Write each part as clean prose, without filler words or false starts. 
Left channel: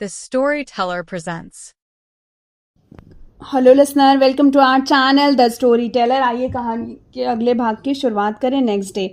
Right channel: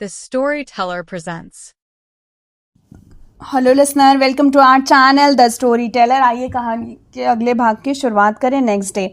The Storyteller presents. Hello listener, welcome to our channel the story teller. आइए कहानी के अगले भाग की शुरुआत करें। नेक्स्ट डे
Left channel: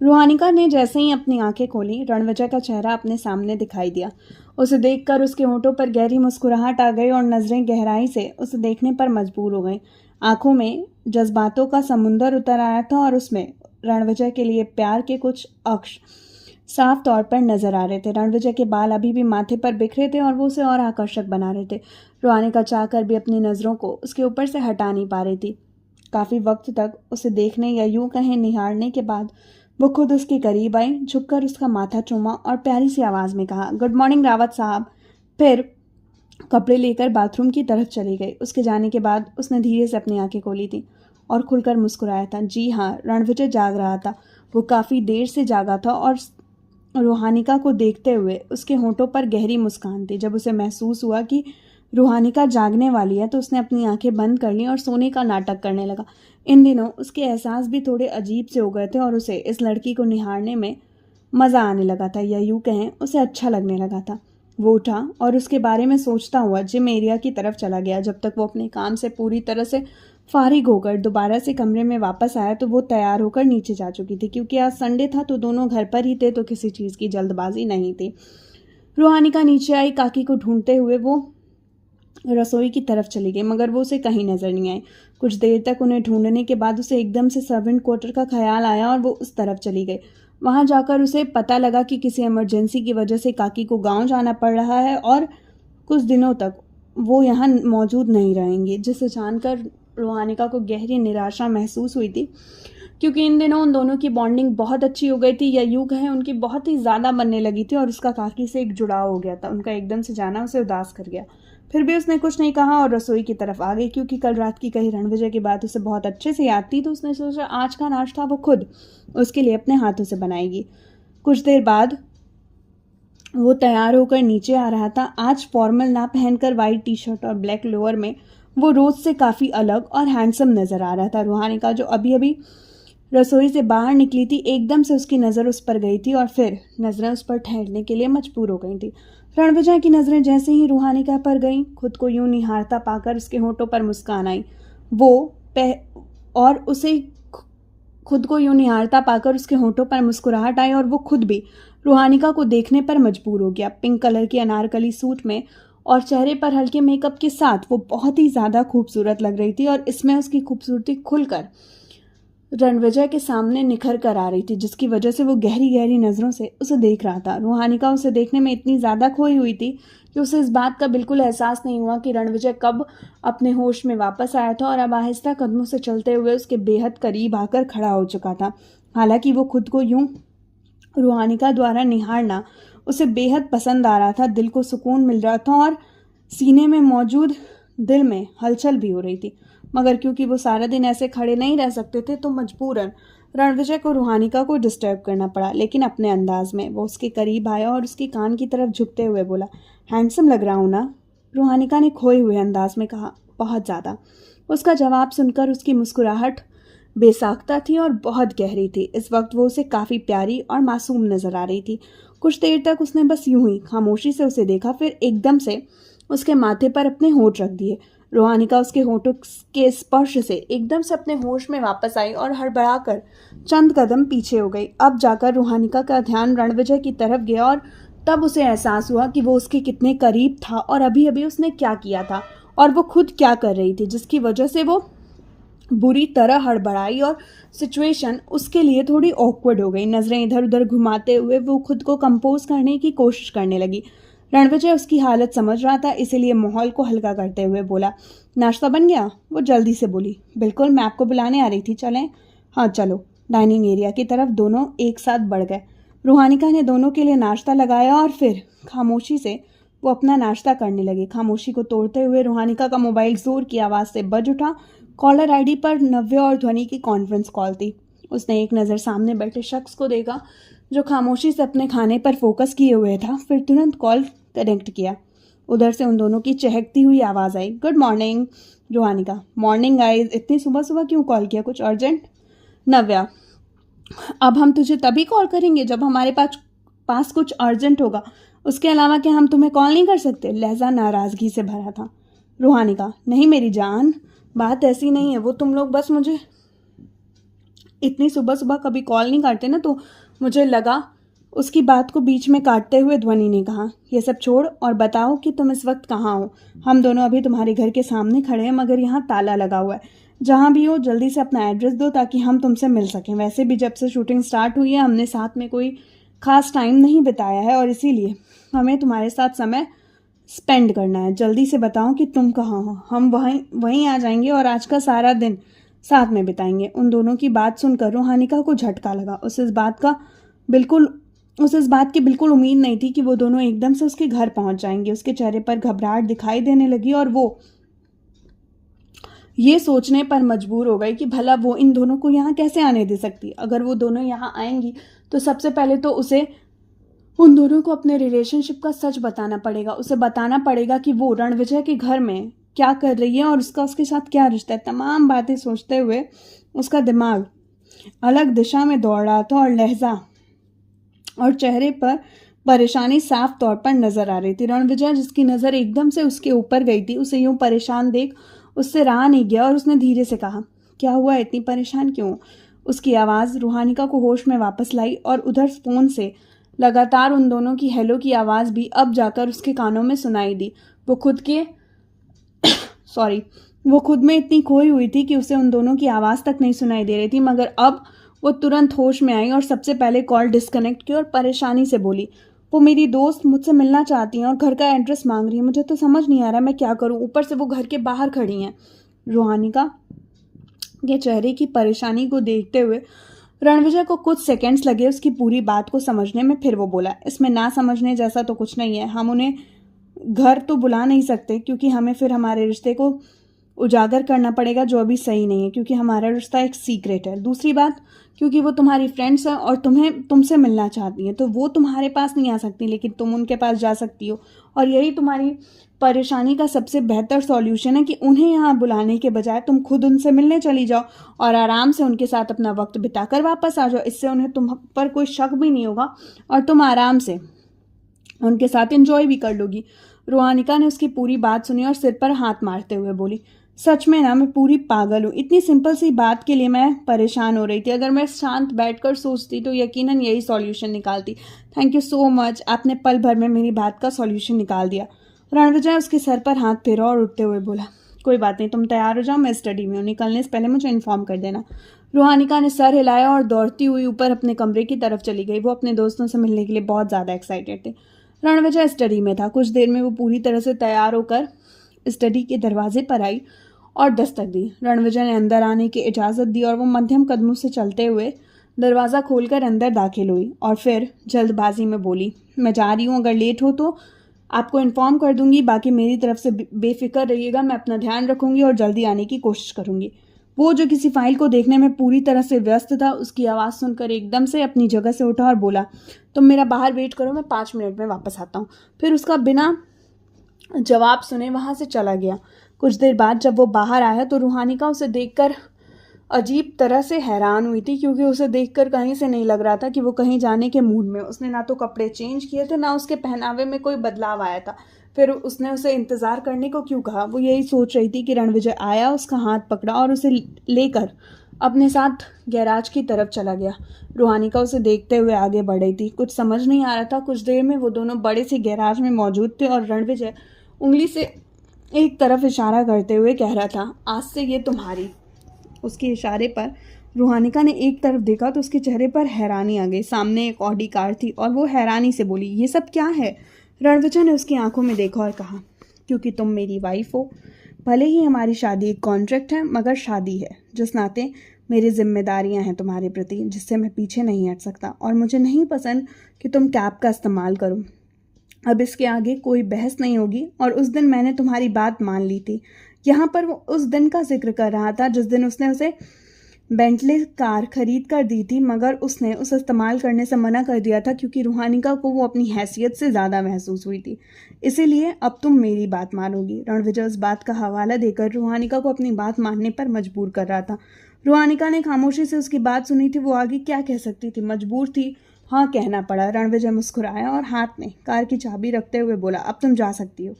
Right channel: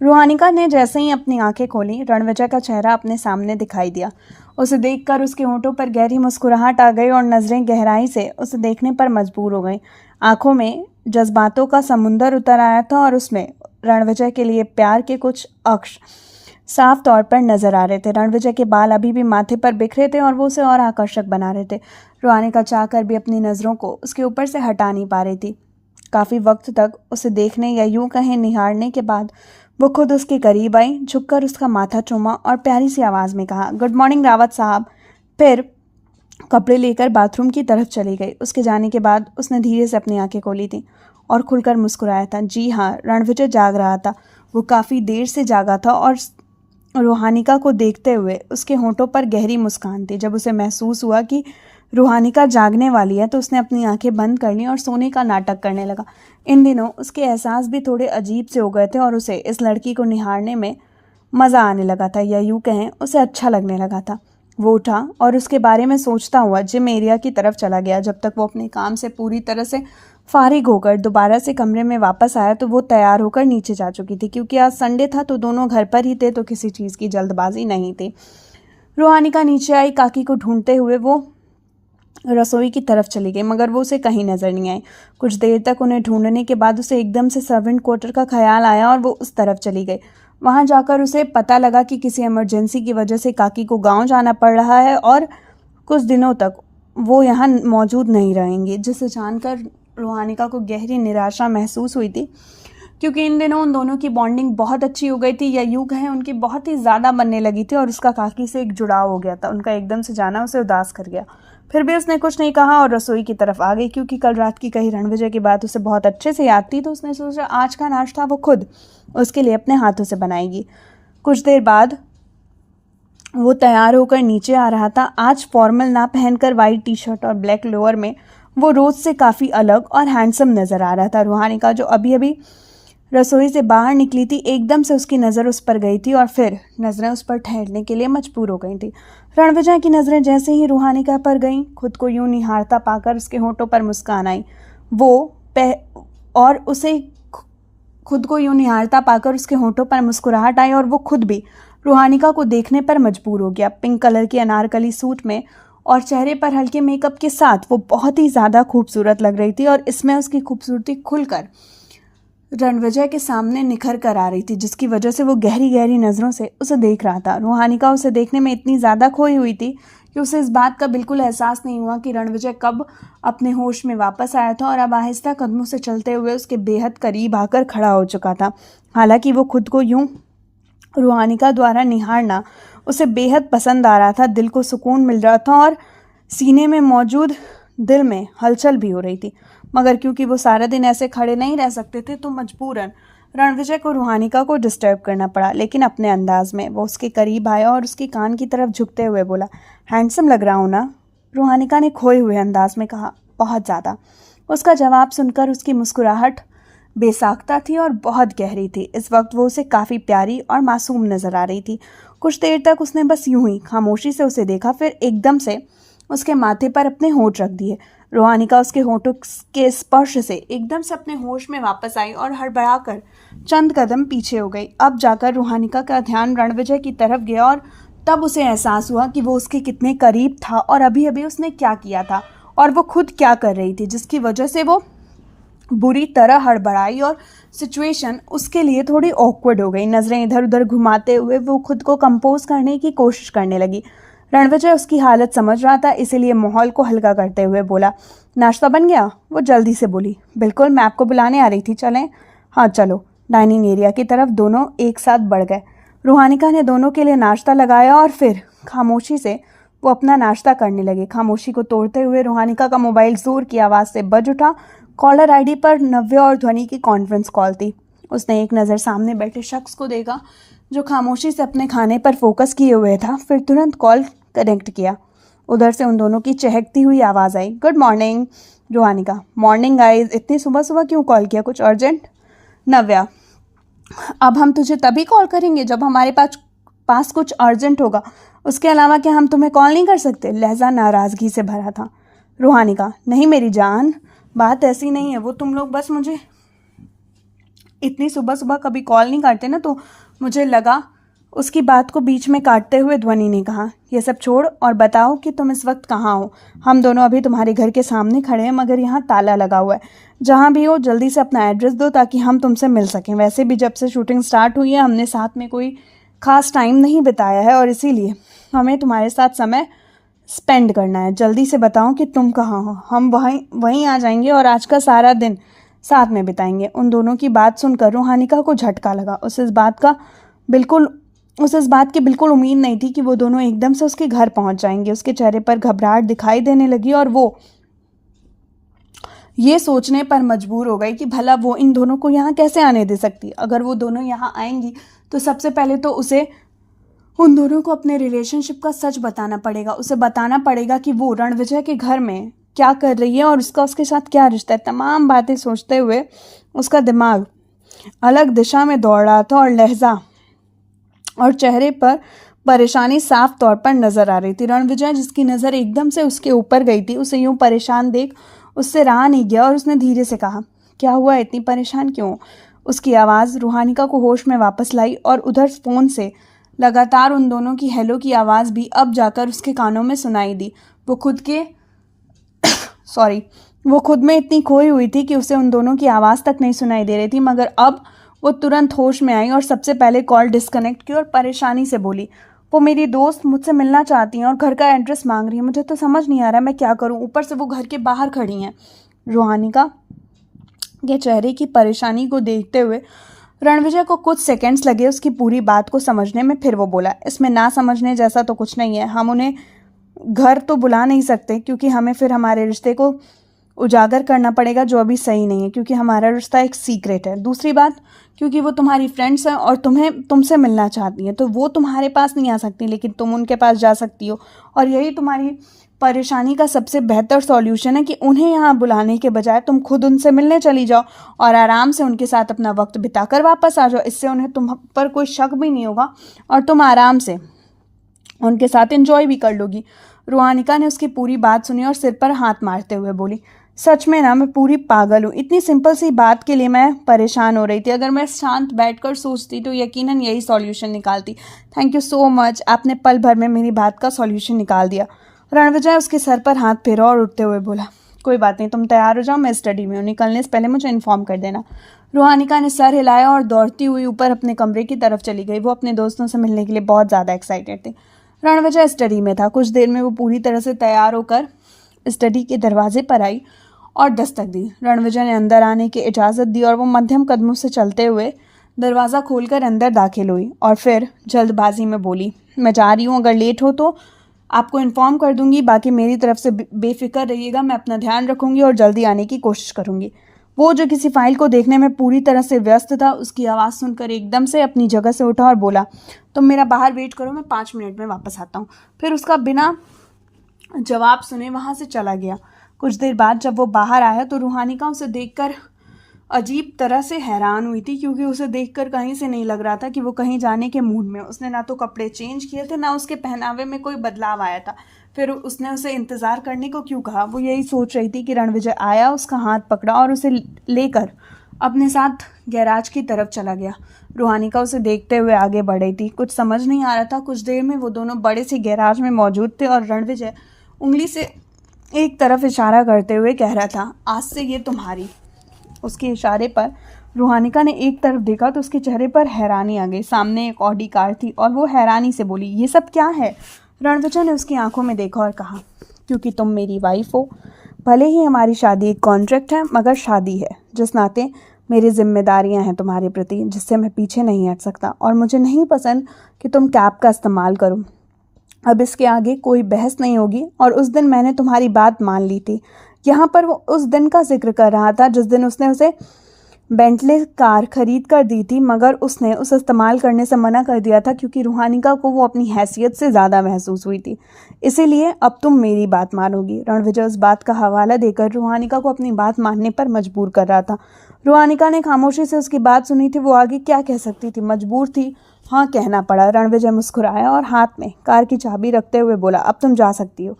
रूहानिका ने जैसे ही अपनी आंखें खोली, रणविजय का चेहरा अपने सामने दिखाई दिया। उसे देखकर उसके होंठों पर गहरी मुस्कुराहट आ गई और नज़रें गहराई से उसे देखने पर मजबूर हो गई। आंखों में जज्बातों का समुंदर उतर आया था और उसमें रणविजय के लिए प्यार के कुछ अक्ष साफ तौर पर नजर आ रहे थे। रणविजय के बाल अभी भी माथे पर बिखरे थे और वो उसे और आकर्षक बना रहे थे। रूहानिका चाहकर भी अपनी नज़रों को उसके ऊपर से हटा नहीं पा रही थी। काफ़ी वक्त तक उसे देखने या यूं कहीं निहारने के बाद वो खुद उसके करीब आई, झुककर उसका माथा चूमा और प्यारी सी आवाज़ में कहा, गुड मॉर्निंग रावत साहब। फिर कपड़े लेकर बाथरूम की तरफ चली गई। उसके जाने के बाद उसने धीरे से अपनी आंखें खोली थी और खुलकर मुस्कुराया था। जी हाँ, रणविजय जाग रहा था। वो काफ़ी देर से जागा था और रूहानिका को देखते हुए उसके होंठों पर गहरी मुस्कान थी। जब उसे महसूस हुआ कि रूहानिका जागने वाली है तो उसने अपनी आंखें बंद कर ली और सोने का नाटक करने लगा। इन दिनों उसके एहसास भी थोड़े अजीब से हो गए थे और उसे इस लड़की को निहारने में मज़ा आने लगा था, या यूँ कहें उसे अच्छा लगने लगा था। वो उठा और उसके बारे में सोचता हुआ जिम एरिया की तरफ चला गया। जब तक वो अपने काम से पूरी तरह से फारिग होकर दोबारा से कमरे में वापस आया तो वो तैयार होकर नीचे जा चुकी थी। क्योंकि आज संडे था तो दोनों घर पर ही थे, तो किसी चीज़ की जल्दबाजी नहीं थी। रूहानिका नीचे आई। काकी को ढूंढते हुए वो रसोई की तरफ चली गई, मगर वो उसे कहीं नज़र नहीं आई। कुछ देर तक उन्हें ढूंढने के बाद उसे एकदम से सर्वेंट क्वार्टर का ख्याल आया और वो उस तरफ चली गई। वहां जाकर उसे पता लगा कि किसी इमरजेंसी की वजह से काकी को गांव जाना पड़ रहा है और कुछ दिनों तक वो यहाँ मौजूद नहीं रहेंगे, जिसे जानकर रूहानिका को गहरी निराशा महसूस हुई थी। क्योंकि इन दिनों उन दोनों की बॉन्डिंग बहुत अच्छी हो गई थी, या यूँ कहें उनकी बहुत ही ज़्यादा बनने लगी थी और उसका काकी से एक जुड़ाव हो गया था। उनका एकदम से जाना उसे उदास कर गया। फिर भी उसने कुछ नहीं कहा और रसोई की तरफ आ गई। क्योंकि कल रात की कही रणविजय की बात उसे बहुत अच्छे से याद थी, तो उसने सोचा आज का नाश्ता वो खुद उसके लिए अपने हाथों से बनाएगी। कुछ देर बाद वो तैयार होकर नीचे आ रहा था। आज फॉर्मल ना पहनकर वाइट टी शर्ट और ब्लैक लोअर में वो रोज से काफ़ी अलग और हैंडसम नज़र आ रहा था। रूहानिका जो अभी अभी रसोई से बाहर निकली थी, एकदम से उसकी नज़र उस पर गई थी और फिर नज़रें उस पर ठहरने के लिए मजबूर हो गई थी। रणविजय की नज़रें जैसे ही रूहानिका पर गईं, खुद को यूं निहारता पाकर उसके होंठों पर मुस्कान आई। और उसे खुद को यूं निहारता पाकर उसके होंठों पर मुस्कुराहट आई और वो खुद भी रूहानिका को देखने पर मजबूर हो गया। पिंक कलर की अनारकली सूट में और चेहरे पर हल्के मेकअप के साथ वो बहुत ही ज़्यादा खूबसूरत लग रही थी और इसमें उसकी खूबसूरती खुलकर रणविजय के सामने निखर कर आ रही थी, जिसकी वजह से वो गहरी गहरी नज़रों से उसे देख रहा था। रूहानिका उसे देखने में इतनी ज़्यादा खोई हुई थी कि उसे इस बात का बिल्कुल एहसास नहीं हुआ कि रणविजय कब अपने होश में वापस आया था और अब आहिस्ता कदमों से चलते हुए उसके बेहद करीब आकर खड़ा हो चुका था। हालांकि वो खुद को यूं रूहानिका द्वारा निहारना उसे बेहद पसंद आ रहा था। दिल को सुकून मिल रहा था और सीने में मौजूद दिल में हलचल भी हो रही थी। मगर क्योंकि वो सारा दिन ऐसे खड़े नहीं रह सकते थे, तो मजबूरन रणविजय को रूहानिका को डिस्टर्ब करना पड़ा। लेकिन अपने अंदाज में वो उसके करीब आया और उसके कान की तरफ झुकते हुए बोला, हैंडसम लग रहा हूँ ना? रूहानिका ने खोए हुए अंदाज में कहा, बहुत ज़्यादा। उसका जवाब सुनकर उसकी मुस्कुराहट बेसाख्ता थी और बहुत गहरी थी। इस वक्त वो उसे काफ़ी प्यारी और मासूम नज़र आ रही थी। कुछ देर तक उसने बस यूं ही खामोशी से उसे देखा, फिर एकदम से उसके माथे पर अपने होंठ रख दिए। रूहानिका उसके होंठों के स्पर्श से एकदम से अपने होश में वापस आई और हड़बड़ाकर चंद कदम पीछे हो गई। अब जाकर रूहानिका का ध्यान रणविजय की तरफ गया और तब उसे एहसास हुआ कि वो उसके कितने करीब था और अभी अभी उसने क्या किया था और वो खुद क्या कर रही थी, जिसकी वजह से वो बुरी तरह हड़बड़ाई और सिचुएशन उसके लिए थोड़ी ऑकवर्ड हो गई। नज़रें इधर उधर घुमाते हुए वो खुद को कंपोज करने की कोशिश करने लगी। रणविजय उसकी हालत समझ रहा था, इसीलिए माहौल को हल्का करते हुए बोला, नाश्ता बन गया? वो जल्दी से बोली, बिल्कुल, मैं आपको बुलाने आ रही थी, चलें? हाँ चलो। डाइनिंग एरिया की तरफ दोनों एक साथ बढ़ गए। रूहानिका ने दोनों के लिए नाश्ता लगाया और फिर खामोशी से वो अपना नाश्ता करने लगे। खामोशी को तोड़ते हुए रूहानिका का मोबाइल जोर की आवाज़ से बज उठा। कॉलर आईडी पर नव्य और ध्वनि की कॉन्फ्रेंस कॉल थी। उसने एक नज़र सामने बैठे शख्स को देखा जो खामोशी से अपने खाने पर फोकस किए हुए था, फिर तुरंत कॉल कनेक्ट किया। उधर से उन दोनों की चहकती हुई आवाज़ आई, good morning. Ruhanika, morning guys, इतनी सुबह सुबह क्यों कॉल किया, कुछ अर्जेंट? नव्या, अब हम तुझे तभी कॉल करेंगे जब हमारे पास कुछ अर्जेंट होगा। उसके अलावा क्या हम तुम्हें कॉल नहीं कर सकते? लहजा नाराज़गी से भरा था। रूहानिका, नहीं मेरी जान, बात ऐसी नहीं है। वो तुम लोग बस मुझे इतनी सुबह सुबह कभी कॉल नहीं करते ना, तो मुझे लगा। उसकी बात को बीच में काटते हुए ध्वनि ने कहा, ये सब छोड़ और बताओ कि तुम इस वक्त कहाँ हो। हम दोनों अभी तुम्हारे घर के सामने खड़े हैं, मगर यहाँ ताला लगा हुआ है। जहाँ भी हो जल्दी से अपना एड्रेस दो ताकि हम तुमसे मिल सकें। वैसे भी जब से शूटिंग स्टार्ट हुई है हमने साथ में कोई ख़ास टाइम नहीं बिताया है और इसीलिए हमें तुम्हारे साथ समय स्पेंड करना है। जल्दी से बताओ कि तुम कहाँ हो, हम वहीं आ जाएंगे और आज का सारा दिन साथ में बिताएंगे। उन दोनों की बात सुनकर रूहानिका को झटका लगा। उसे इस बात की बिल्कुल उम्मीद नहीं थी कि वो दोनों एकदम से उसके घर पहुंच जाएंगे। उसके चेहरे पर घबराहट दिखाई देने लगी और वो ये सोचने पर मजबूर हो गई कि भला वो इन दोनों को यहाँ कैसे आने दे सकती। अगर वो दोनों यहाँ आएंगी तो सबसे पहले तो उसे उन दोनों को अपने रिलेशनशिप का सच बताना पड़ेगा। उसे बताना पड़ेगा कि वो रणविजय के घर में क्या कर रही है और उसका उसके साथ क्या रिश्ता है। तमाम बातें सोचते हुए उसका दिमाग अलग दिशा में दौड़ रहा था और लहजा और चेहरे पर परेशानी साफ तौर पर नजर आ रही थी। रणविजय, जिसकी नज़र एकदम से उसके ऊपर गई थी, उसे यूं परेशान देख उससे रहा नहीं गया और उसने धीरे से कहा, क्या हुआ, इतनी परेशान क्यों? उसकी आवाज़ रूहानिका को होश में वापस लाई और उधर फ़ोन से लगातार उन दोनों की हेलो की आवाज़ भी अब जाकर उसके कानों में सुनाई दी। वो खुद में इतनी खोई हुई थी कि उसे उन दोनों की आवाज़ तक नहीं सुनाई दे रही थी, मगर अब वो तुरंत होश में आई और सबसे पहले कॉल डिस्कनेक्ट की और परेशानी से बोली, वो मेरी दोस्त मुझसे मिलना चाहती हैं और घर का एड्रेस मांग रही है। मुझे तो समझ नहीं आ रहा मैं क्या करूं, ऊपर से वो घर के बाहर खड़ी हैं। रूहानिका के चेहरे की परेशानी को देखते हुए रणविजय को कुछ सेकंड्स लगे उसकी पूरी बात को समझने में। फिर वो बोला, इसमें ना समझने जैसा तो कुछ नहीं है। हम उन्हें घर तो बुला नहीं सकते क्योंकि हमें फिर हमारे रिश्ते को उजागर करना पड़ेगा, जो अभी सही नहीं है, क्योंकि हमारा रिश्ता एक सीक्रेट है। दूसरी बात, क्योंकि वो तुम्हारी फ्रेंड्स हैं और तुमसे मिलना चाहती हैं, तो वो तुम्हारे पास नहीं आ सकती, लेकिन तुम उनके पास जा सकती हो। और यही तुम्हारी परेशानी का सबसे बेहतर सॉल्यूशन है कि उन्हें यहाँ बुलाने के बजाय तुम खुद उनसे मिलने चली जाओ और आराम से उनके साथ अपना वक्त बिताकर वापस आ जाओ। इससे उन्हें तुम पर कोई शक भी नहीं होगा और तुम आराम से उनके साथ एंजॉय भी कर लोगी। रूहानिका ने उसकी पूरी बात सुनी और सिर पर हाथ मारते हुए बोली, सच में ना, मैं पूरी पागल हूँ। इतनी सिंपल सी बात के लिए मैं परेशान हो रही थी। अगर मैं शांत बैठकर सोचती तो यकीनन यही सॉल्यूशन निकालती। थैंक यू सो मच, आपने पल भर में मेरी बात का सॉल्यूशन निकाल दिया। रणविजय उसके सर पर हाथ फेरा और उठते हुए बोला, कोई बात नहीं, तुम तैयार हो जाओ, मैं स्टडी में हूँ, निकलने से पहले मुझे इन्फॉर्म कर देना। रूहानिका ने सर हिलाया और दौड़ती हुई ऊपर अपने कमरे की तरफ चली गई। वो अपने दोस्तों से मिलने के लिए बहुत ज़्यादा एक्साइटेड थी। रणविजय स्टडी में था। कुछ देर में वो पूरी तरह से तैयार होकर स्टडी के दरवाजे पर आई और दस्तक दी। रणविजय ने अंदर आने की इजाज़त दी और वो मध्यम कदमों से चलते हुए दरवाज़ा खोलकर अंदर दाखिल हुई और फिर जल्दबाजी में बोली, मैं जा रही हूँ, अगर लेट हो तो आपको इन्फॉर्म कर दूंगी। बाकी मेरी तरफ से बेफिक्र रहिएगा, मैं अपना ध्यान रखूंगी और जल्दी आने की कोशिश करूंगी। वो जो किसी फाइल को देखने में पूरी तरह से व्यस्त था, उसकी आवाज़ सुनकर एकदम से अपनी जगह से उठा और बोला, तुम मेरा बाहर वेट करो, मैं 5 मिनट में वापस आता हूँ। फिर उसका बिना जवाब सुने वहाँ से चला गया। कुछ देर बाद जब वो बाहर आया तो रूहानिका उसे देखकर अजीब तरह से हैरान हुई थी, क्योंकि उसे देखकर कहीं से नहीं लग रहा था कि वो कहीं जाने के मूड में। उसने ना तो कपड़े चेंज किए थे, ना उसके पहनावे में कोई बदलाव आया था। फिर उसने उसे इंतज़ार करने को क्यों कहा? वो यही सोच रही थी कि रणविजय आया, उसका हाथ पकड़ा और उसे लेकर अपने साथ गैराज की तरफ चला गया। रूहानिका उसे देखते हुए आगे बढ़ रही थी। कुछ समझ नहीं आ रहा था। कुछ देर में वो दोनों बड़े सी गैराज में मौजूद थे और रणविजय उंगली से एक तरफ इशारा करते हुए कह रहा था, आज से ये तुम्हारी। उसके इशारे पर रूहानिका ने एक तरफ देखा तो उसके चेहरे पर हैरानी आ गई। सामने एक ऑडी कार थी और वो हैरानी से बोली, ये सब क्या है? रणविजय ने उसकी आंखों में देखा और कहा, क्योंकि तुम मेरी वाइफ हो। भले ही हमारी शादी एक कॉन्ट्रैक्ट है, मगर शादी है। जिस नाते मेरी जिम्मेदारियां हैं तुम्हारे प्रति, जिससे मैं पीछे नहीं हट सकता। और मुझे नहीं पसंद कि तुम कैब का इस्तेमाल करो। अब इसके आगे कोई बहस नहीं होगी। और उस दिन मैंने तुम्हारी बात मान ली थी। यहाँ पर वो उस दिन का जिक्र कर रहा था जिस दिन उसने उसे बेंटले कार खरीद कर दी थी, मगर उसने उसे इस्तेमाल करने से मना कर दिया था क्योंकि रूहानिका को वो अपनी हैसियत से ज़्यादा महसूस हुई थी। इसीलिए अब तुम मेरी बात मानोगी। रणविजय उस बात का हवाला देकर रूहानिका को अपनी बात मानने पर मजबूर कर रहा था। रूहानिका ने खामोशी से उसकी बात सुनी थी। वो आगे क्या कह सकती थी? मजबूर थी हाँ कहना पड़ा। रणविजय मुस्कुराया और हाथ में कार की चाबी रखते हुए बोला, अब तुम जा सकती हो।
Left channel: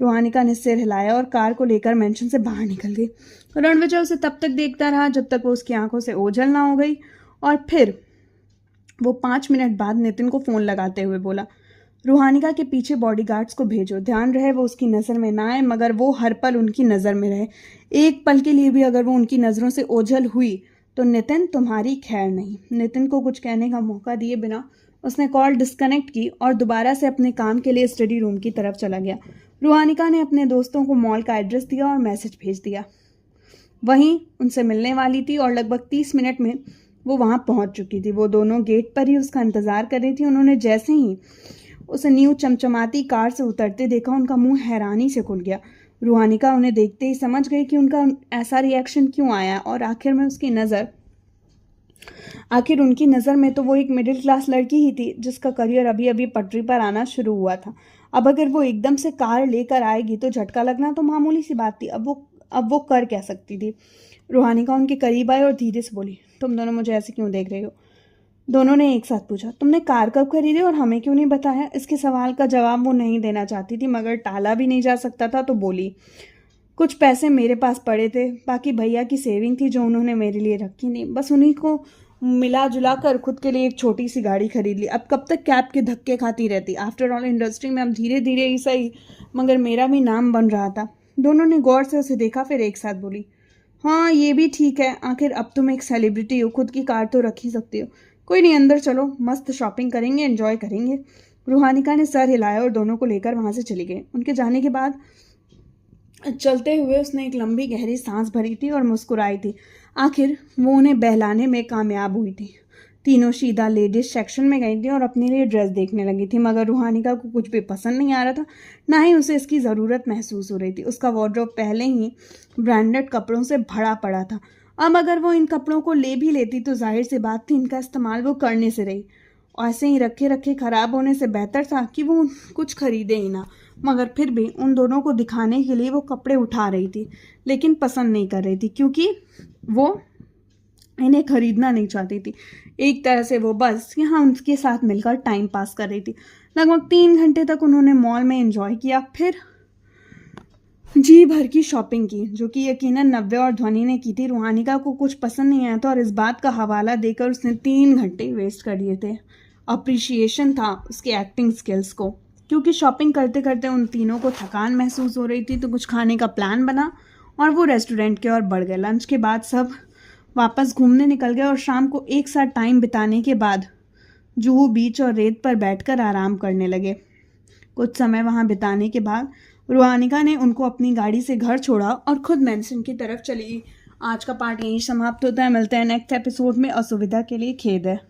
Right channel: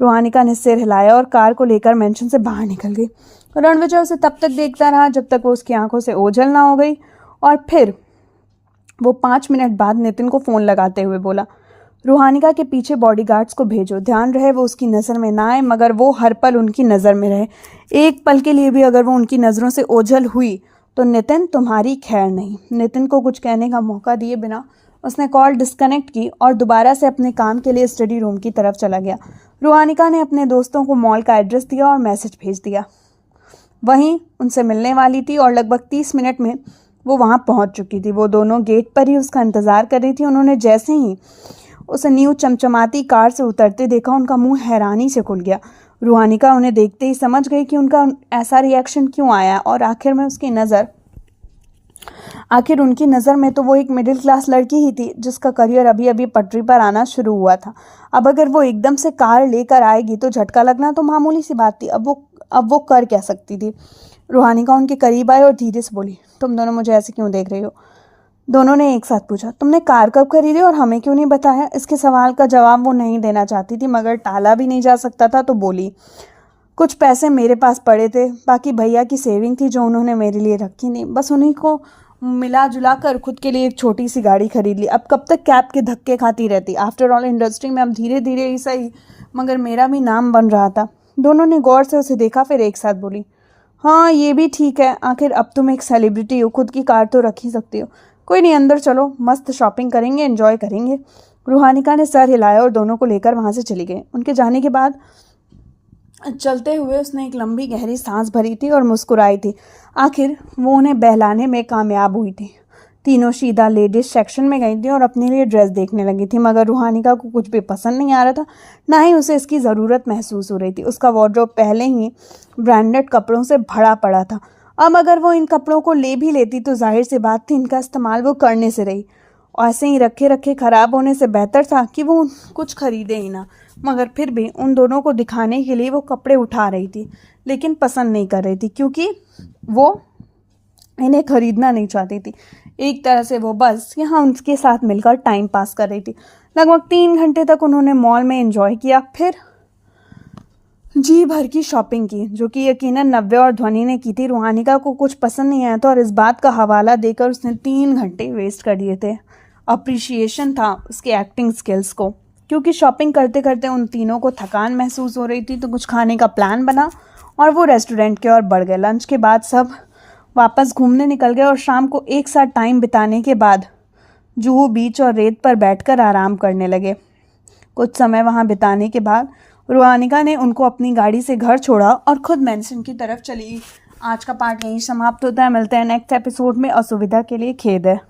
रूहानिका ने सिर हिलाया और कार को लेकर मेंशन से बाहर निकल गई। रणविजय उसे तब तक देखता रहा जब तक वो उसकी आंखों से ओझल ना हो गई, और फिर वो 5 मिनट बाद नितिन को फ़ोन लगाते हुए बोला, रूहानिका के पीछे बॉडीगार्ड्स को भेजो, ध्यान रहे वो उसकी नज़र में ना आए, मगर वो हर पल उनकी नज़र में रहे। एक पल के लिए भी अगर वो उनकी नज़रों से ओझल हुई तो नितिन तुम्हारी खैर नहीं। नितिन को कुछ कहने का मौका दिए बिना उसने कॉल डिस्कनेक्ट की और दोबारा से अपने काम के लिए स्टडी रूम की तरफ चला गया। रूहानिका ने अपने दोस्तों को मॉल का एड्रेस दिया और मैसेज भेज दिया। वहीं उनसे मिलने वाली थी और लगभग 30 मिनट में वो वहाँ पहुँच चुकी थी। वो दोनों गेट पर ही उसका इंतज़ार कर रही थी। उन्होंने जैसे ही उसे न्यू चमचमाती कार से उतरते देखा, उनका मुंह हैरानी से खुल गया। रूहानिका उन्हें देखते ही समझ गई कि उनका ऐसा रिएक्शन क्यों आया, और आखिर उनकी नज़र में तो वो एक मिडिल क्लास लड़की ही थी जिसका करियर अभी अभी पटरी पर आना शुरू हुआ था। अब अगर वो एकदम से कार लेकर आएगी तो झटका लगना तो मामूली सी बात थी। अब वो कर क्या सकती थी। रूहानिका उनके करीब आई और धीरे से बोली, तुम दोनों मुझे ऐसे क्यों देख रही हो? दोनों ने एक साथ पूछा। तुमने कार कब खरीदी और हमें क्यों नहीं बताया? इसके सवाल का जवाब वो नहीं देना चाहती थी, मगर टाला भी नहीं जा सकता था, तो बोली, कुछ पैसे मेरे पास पड़े थे, बाकी भैया की सेविंग थी जो उन्होंने मेरे लिए रखी नहीं, बस उन्हीं को मिला जुला कर खुद के लिए एक छोटी सी गाड़ी खरीद ली। अब कब तक कैब के धक्के खाती रहती? आफ्टर ऑल इंडस्ट्री में अब धीरे धीरे ही सही, मगर मेरा भी नाम बन रहा था। दोनों ने गौर से उसे देखा, फिर एक साथ बोली, हाँ ये भी ठीक है, आखिर अब तुम एक सेलिब्रिटी हो, खुद की कार तो रख ही सकती हो। कोई नहीं, अंदर चलो, मस्त शॉपिंग करेंगे, एंजॉय करेंगे। रूहानिका ने सर हिलाया और दोनों को लेकर वहाँ से चली गई। उनके जाने के बाद चलते हुए उसने एक लंबी गहरी सांस भरी थी और मुस्कुराई थी। आखिर वो उन्हें बहलाने में कामयाब हुई थी। तीनों सीधा लेडीज सेक्शन में गई थी और अपने लिए ड्रेस देखने लगी थी, मगर रूहानिका को कुछ भी पसंद नहीं आ रहा था, ना ही उसे इसकी ज़रूरत महसूस हो रही थी। उसका वार्डरोब पहले ही ब्रांडेड कपड़ों से भरा पड़ा था। अब अगर वो इन कपड़ों को ले भी लेती तो जाहिर सी बात थी इनका इस्तेमाल वो करने से रही। ऐसे ही रखे रखे ख़राब होने से बेहतर था कि वो कुछ खरीदे ही ना। मगर फिर भी उन दोनों को दिखाने के लिए वो कपड़े उठा रही थी, लेकिन पसंद नहीं कर रही थी, क्योंकि वो इन्हें खरीदना नहीं चाहती थी। एक तरह से वो बस यहाँ उनके साथ मिलकर टाइम पास कर रही थी। लगभग 3 घंटे तक उन्होंने मॉल में एंजॉय किया, फिर जी भर की शॉपिंग की, जो कि यकीनन नव्या और ध्वनि ने की थी। रूहानिका को कुछ पसंद नहीं आया था और इस बात का हवाला देकर उसने 3 घंटे वेस्ट कर दिए थे। अप्रिशिएशन था उसके एक्टिंग स्किल्स को, क्योंकि शॉपिंग करते करते उन तीनों को थकान महसूस हो रही थी, तो कुछ खाने का प्लान बना और वो रेस्टोरेंट की ओर बढ़ गए। लंच के बाद सब वापस घूमने निकल गए और शाम को एक साथ टाइम बिताने के बाद जुहू बीच और रेत पर बैठकर आराम करने लगे। कुछ समय वहाँ बिताने के बाद रूहानिका ने उनको अपनी गाड़ी से घर छोड़ा और खुद मेंशन की तरफ चली। आज का पार्ट यहीं समाप्त होता है। मिलते हैं नेक्स्ट एपिसोड में। असुविधा के लिए खेद है।